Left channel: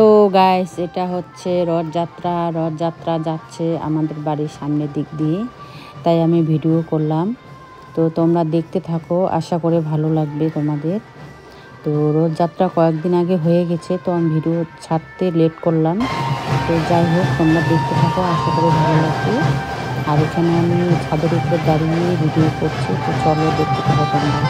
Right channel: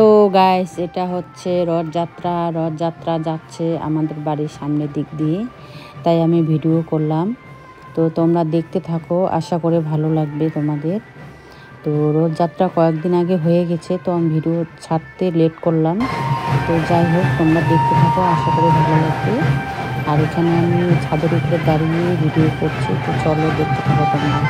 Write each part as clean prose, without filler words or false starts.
তো গাইস, এটা হচ্ছে রথযাত্রা যাচ্ছে আমাদের বাড়ির সামনের দিক দিয়ে, তাই আমি ভিডিও করলাম। তো তোমরা দেখতে থাকো, আশা করে ভালো লাগবে তোমাদের। তো রথযাত্রা কয়েকদিন আগে হয়ে গেছে, তো আমি ভিডিও ছাড়তে লেট করলাম। তো যাই হোক, তোমরা দেখতে থাকো, আশা করে ভালো লাগবে। আর এখানে আমি ছাদের উপরে দাঁড়িয়ে ভিডিও করছি, তো চলো দেখতে থাকো তোমরা।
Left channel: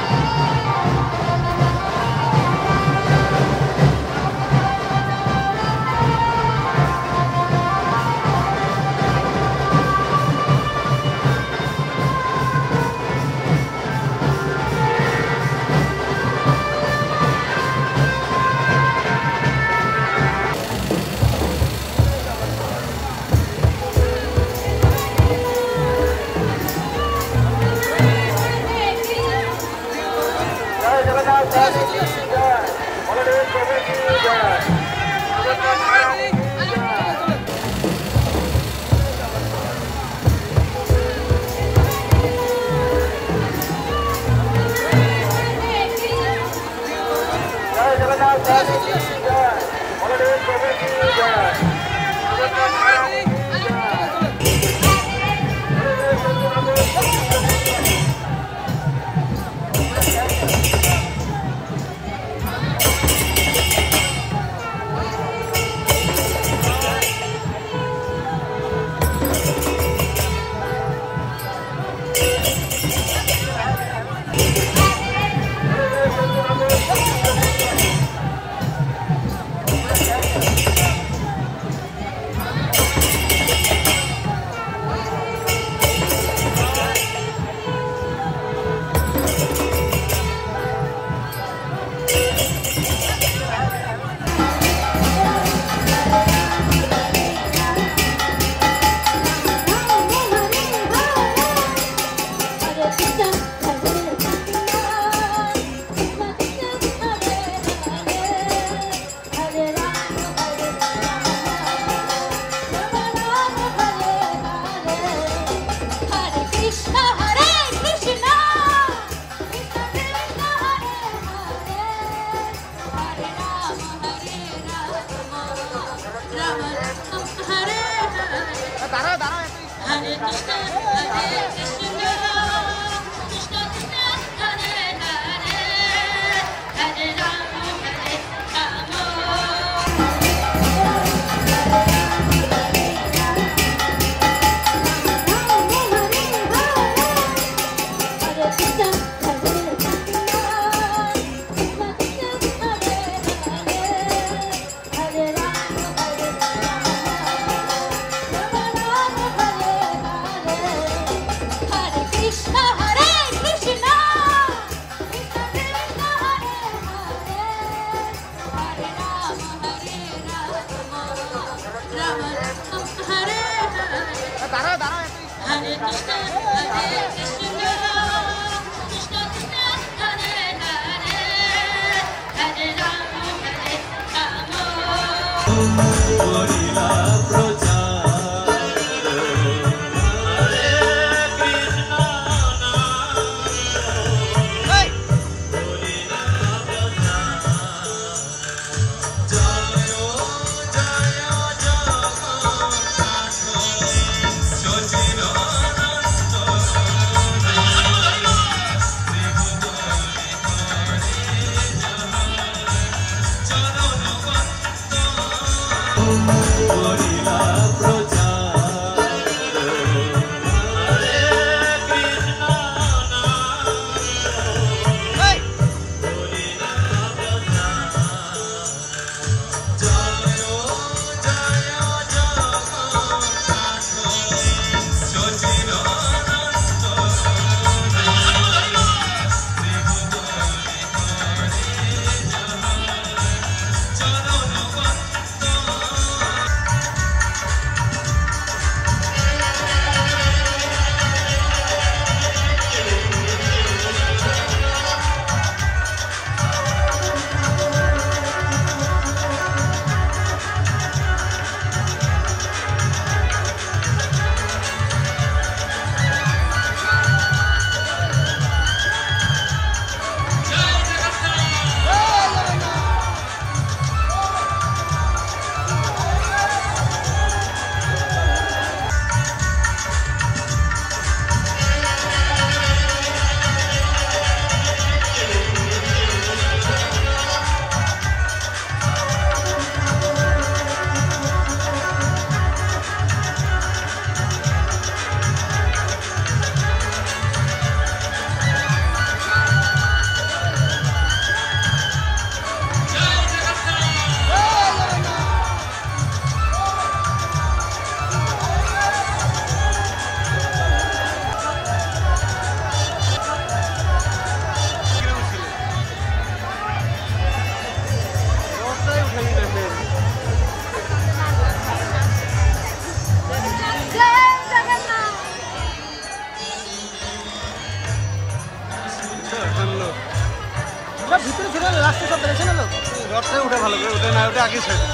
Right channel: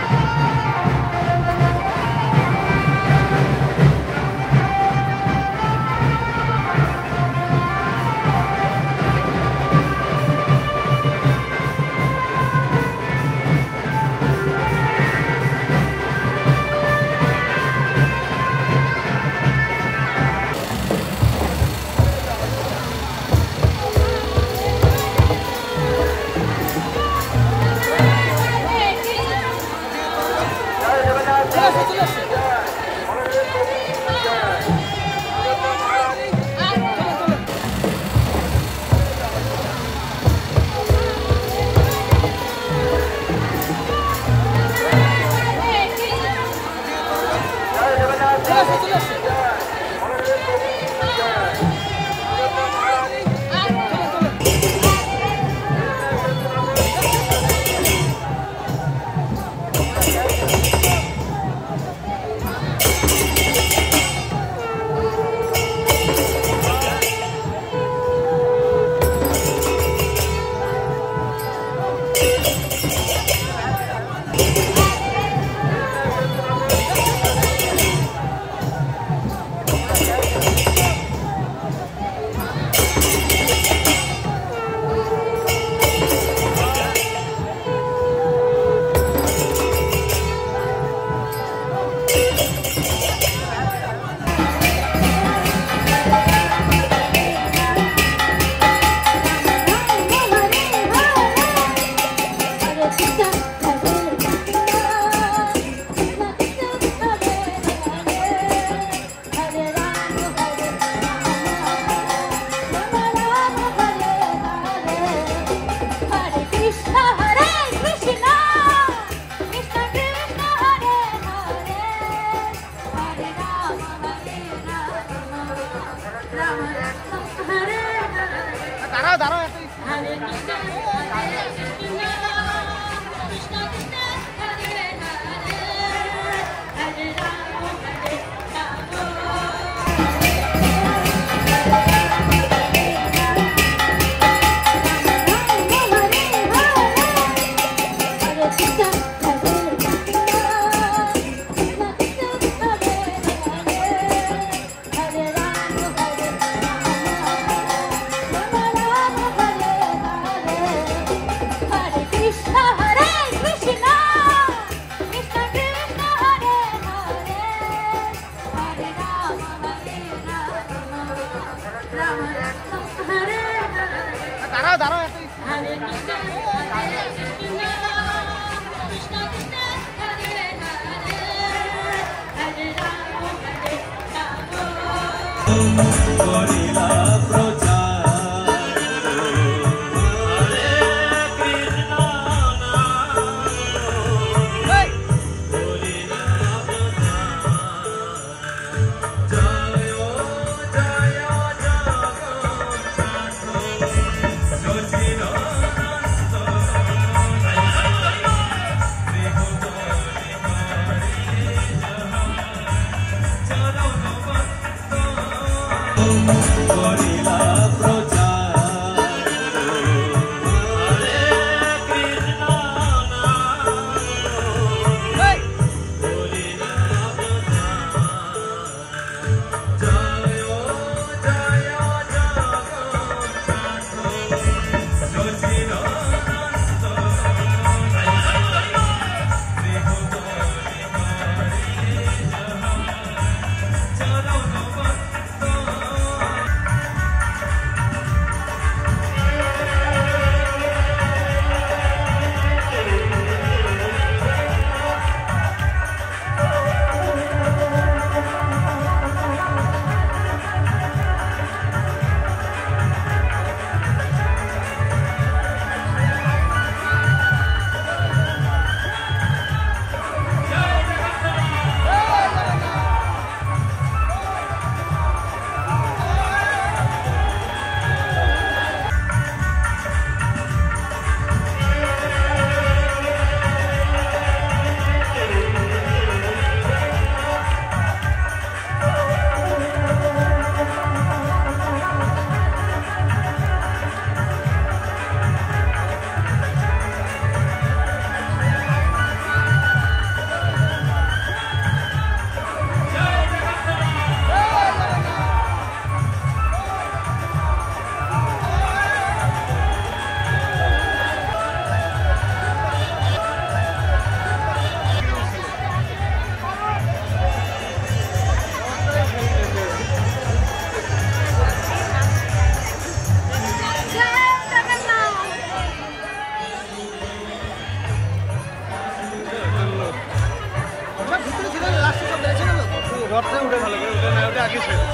না ওটা আগে ছেড়ে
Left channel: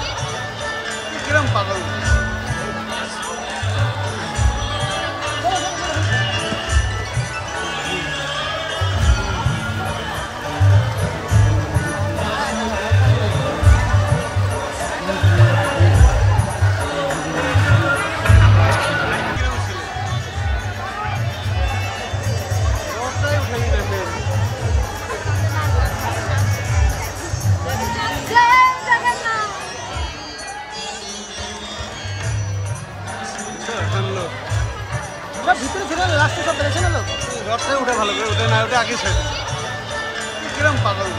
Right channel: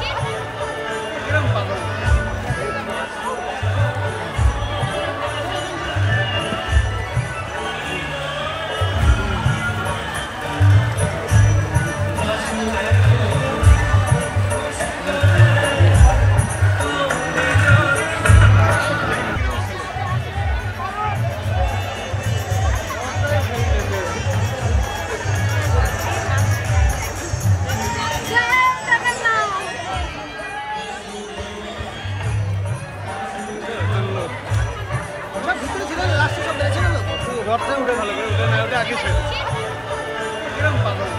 কিরম পাগল রথে উঠে ভালো করে উঠে না ওটা আগে ছেড়ে কিরম পাগল